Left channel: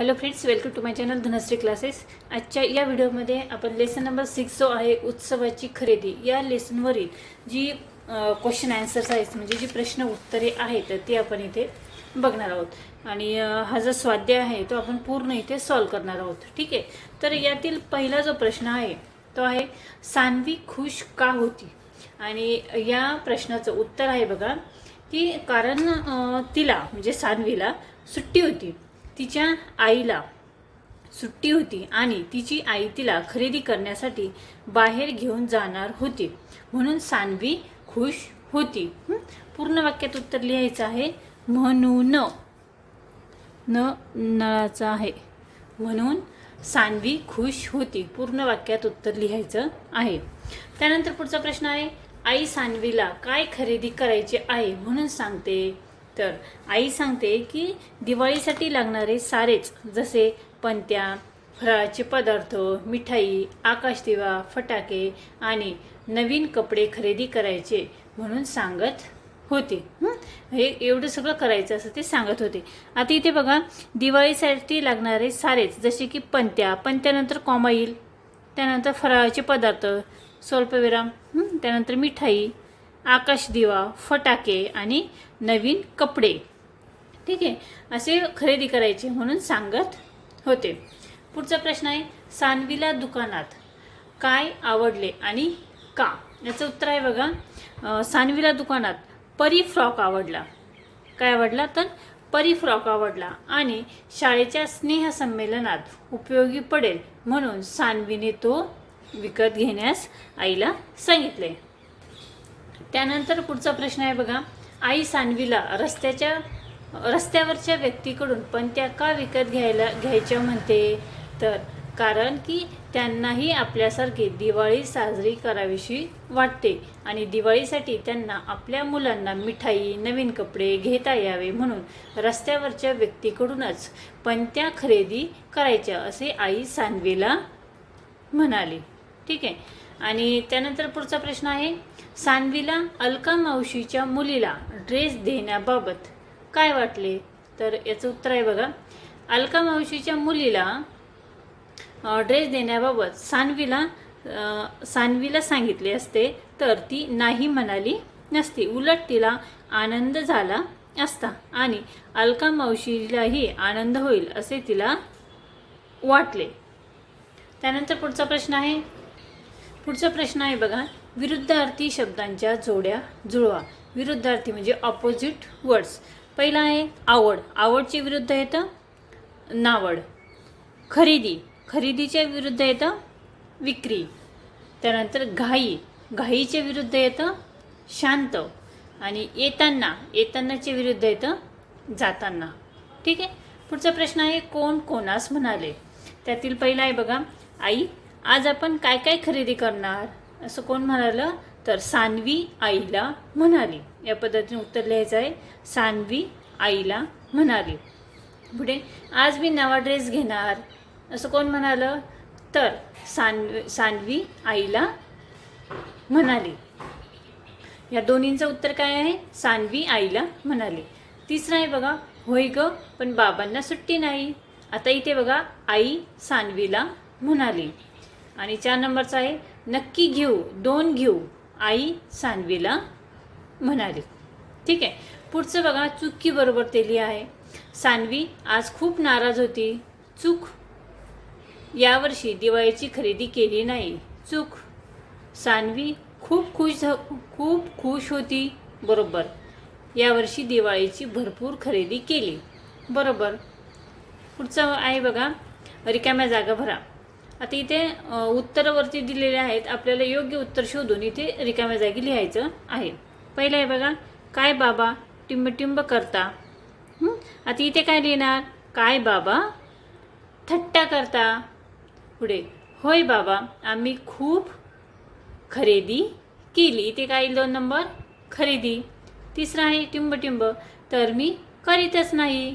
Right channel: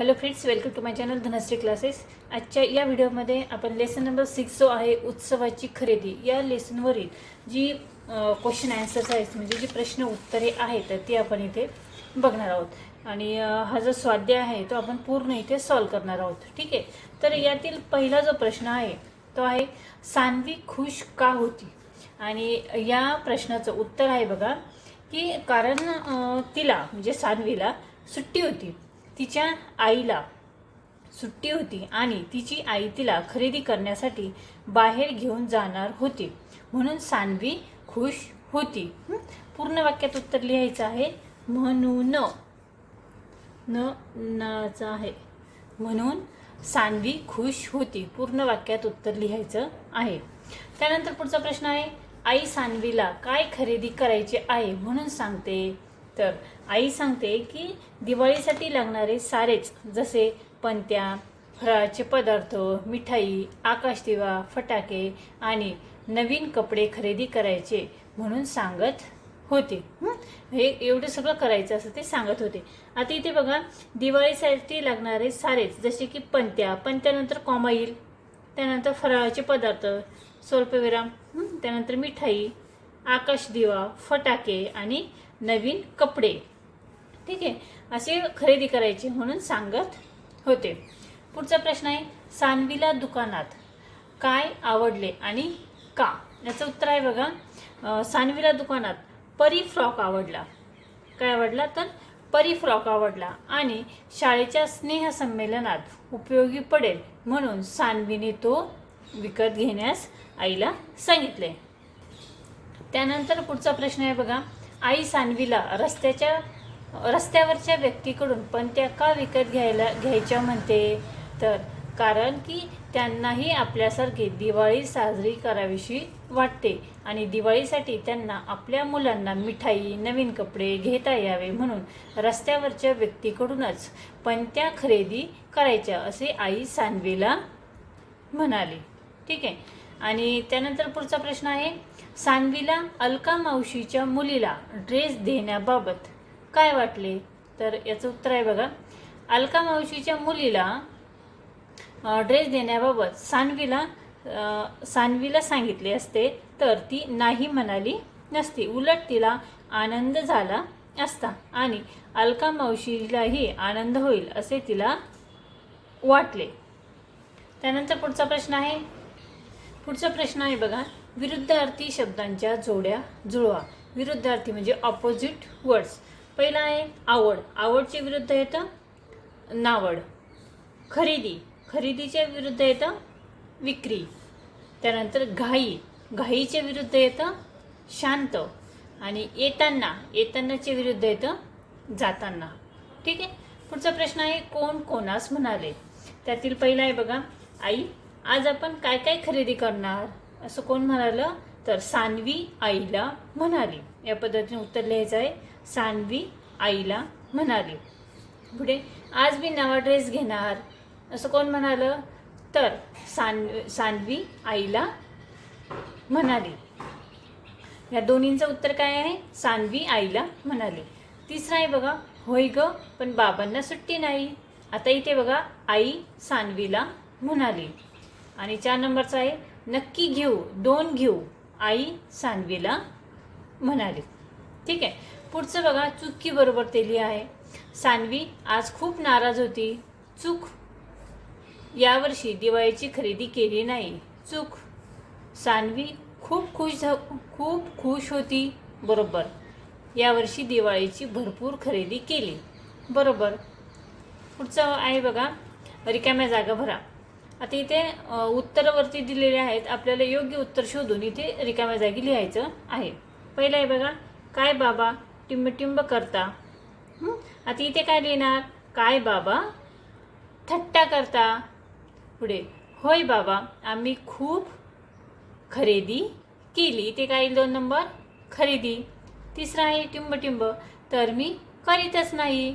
Hello friends welcome to my channel Dhanashree classes आजच्या या व्हिडिओमध्ये आपण लेसन नंबर सिक्स जो आहे उत्सवाची खरेदी या लेसनवरील जी क्वेश्चन आन्सर्स आहेत म्हणजे जी प्रश्न उत्तरे आहेत तर ती आपण इथे बघणार आहोत. आणि हा जो स्वाध्याय आहे तो आपण पूर्ण इथे सॉल्व करणार आहोत. ठीक आहे? तर यातील पहिला जो प्रश्न आहे तो आहे सान्वी खुश का होती? आणि या प्रश्नाचं उत्तर आहे बघा की कारण तिला म्हणजे सान्वीला सुट्टी होती. तिच्या आईला सुट्टी होती आणि तिची आई तिला खरेदी करण्यासाठी बाहेर घेऊन जाणार होती. म्हणून सानवी खुश होती. पूर्ण वाक्यात उत्तर लिहायचं आहे म्हणून न नळाचं आहे. म्हणून सानवी खुश होती. पूर्ण वाक्यात उत्तर लिहायचं आहे. त्यानंतर पुढचा प्रश्न आहे आई सानवीला काय खरेदी करायचे आहे? म्हणून सांगते तर आई सांगते की दिवाळीसाठी लागणारे सारेच जसे पंत्या फराळाचे पदार्थ मिठाई आकाशदिवा फटाके आणि नवीन कपडे खरेदी करायचे म्हणून सांगत होते. हे? एवढं सगळं करायचं असं ते सांगत होते. आता इथे बघा दिवाळीसाठी लागणारे सारेच जसे की पंत्या पंत्यानंतर कॉमा येईल त्यानंतर फराळाचे पदार्थ स्वल्पविराम त्यानंतर मिठाई आकाशदिवा फटाके आणि नवीन कपडे. ठीक आहे? असे खरेदी करायचे म्हणून सांगत होते. पुढचा प्रश्न आहे सानवीला दुकानात काय आवडले आणि का? याचं उत्तर आहे बघा सानवीला दुकानात परी फ्रॉक आवडला. काय आवडला? तर परी फ्रॉक आवडला आणि शाळेच्या स्नेहसंमेलनात उपयोगी पडेल म्हणून सानवीने तो विकत घेण्यास आईला सांगितले. त्यानंतर पुढचा प्रश्न आहे बघा. आई सानवीला रस्त्याच्या रस्त्यावरच्या व्यक्तीकडून पण त्या का विकत घ्यायला घ्यायच्या म्हणते? तर कारण की त्यांनाही आपल्यासारखी दिवाळी साजरी करावीशी वाटते आणि दिवाळीसाठी त्यांना आपल्या मुलांना मिठाई नवीन कपडे घेता यावे म्हणून रस्त्यावरच्या व्यक्तीकडूनच पण त्या खरेदी करायच्या असे आई सानवीला म्हणाली. ठीक आहे. आणि त्यानंतर पुढचा प्रश्न आहे सानवीला अलका मावशीच्या मुलीला ड्रेस देण्याबाबत काय वाटले? तर याचं उत्तर आहे बघा अलका मावशीच्या मुलीला ड्रेस देण्याबाबत सानवीला सानवीला सांगितले असते तर ती नाही म्हणाली नसती. उलट तिला आनंद झाला असता आणि अलका मावशीलाही आनंद होईल असे तिला वाटले. त्यानंतर पुढचा प्रश्न आहे पुढचा प्रश्न आहे बघा. विरुद्धार्थी शब्दांच्या जोड्या जुळवा. विरुद्धार्थी म्हणजे ऑपोजिट वर्ड्स पहिला आहे आवड. आवडचे विरुद्ध येतं नावड. खरेदी. खरेदीच्या विरुद्ध येतं विक्री. त्यानंतर घाई. घाईच्या विरुद्ध येतं शांत. आणि येताना. येतानाच्या विरुद्ध येतं जाताना. ठीक आहे? पुढचा प्रश्न आहे कोण कोणास म्हणाले? त्यातील पहिला आहे बघा. आई आज आपण काय काय खरेदी करणार? असं कोण म्हणालं? तर सानवी आईला म्हणाली. या पद्धतीने उत्तर लिहायचं आहे. सानवी आईला म्हणाली. पुढे आज मी नवा ड्रेस घेणार. असं कोण म्हणालं? तर सान सानवी आईला म्हणाली. या दोन्हींचं उत्तर काय आहे? सानवी आईला म्हणाली. तिसरं आहे बघा होय ग पण बाबांना सुट्टी नाही. आता इथे बघा आई सानवीला म्हणाली. आणि चार नंबरचा आहे नक्की घेऊ दोन घेऊ आई सानवीला म्हणाली. ठीक आहे. पुढचं बघा चुकी बरोबर ते लिहा आहे सानवी आज खूप नाराज होती. चूक. यावर्षी दिवाळीची खरेदी केली नाही. चूक. सानवी खूप खुश खूप खुश होती. बरोबर. यावर्षी दिवाळीची भरपूर खरेदी केली. बरोबर. पुढचं आहे बघा रिकाम्या जागा भरा. आता इथे उत्तरावरती दिलेले आहेत. आपल्याला योग्य उत्तर शोधून इथे रिकाम्या जागी लिहायचं आहे. पहिलं आहे बघा काय बाबा? टिंबटिंब करता. आता इथे काय लिहिणार? काय बाबा? थट्टा करता. पुढे होय बाबा आम्ही खूप खरेदी केली. इथे काय दोन नंबर? खरेदी. तिसरा आहे टिंबटिंब. तर मी करीतच नाही.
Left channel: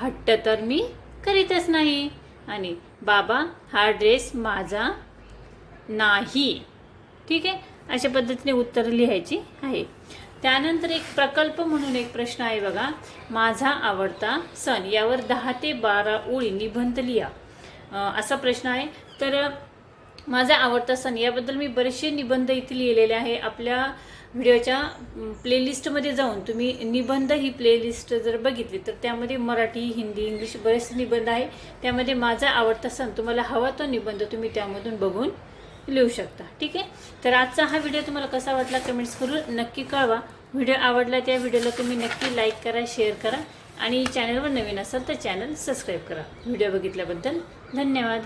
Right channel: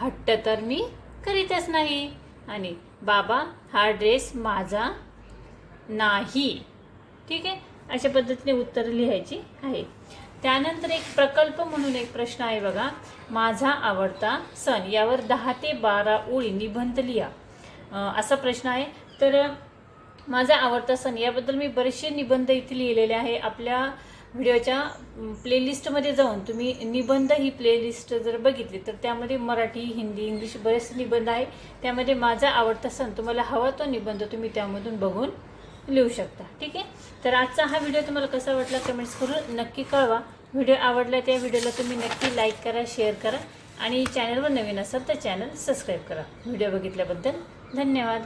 हट्ट तर मी करीतच नाही. आणि बाबा हा ड्रेस माझा नाही. ठीक आहे? अशा पद्धतीने उत्तरं लिहायची आहे. त्यानंतर एक प्रकल्प म्हणून एक प्रश्न आहे बघा. माझा आवडता सण यावर दहा ते बारा ओळी निबंध लिहा. असा प्रश्न आहे. तर माझा आवडता सण याबद्दल मी बरेचसे निबंध इथे लिहिलेले आहे. आपल्या व्हिडिओच्या प्लेलिस्टमध्ये जाऊन तुम्ही निबंध ही प्लेलिस्ट जर बघितली तर त्यामध्ये मराठी हिंदी इंग्लिश बरेचसे निबंध आहे. त्यामध्ये माझा आवडता सण तुम्हाला हवा तो निबंध तुम्ही त्यामधून बघून लिहू शकता. ठीक आहे? तर आजचा हा व्हिडिओ तुम्हाला कसा वाटला कमेंट्स करून नक्की कळवा. व्हिडिओ आवडला त्या व्हिडिओला तुम्ही नक्की लाईक करा शेअर करा आणि चॅनलवर नवीन असाल तर चॅनल सबस्क्राईब करा. व्हिडिओ बघितल्याबद्दल धन्यवाद.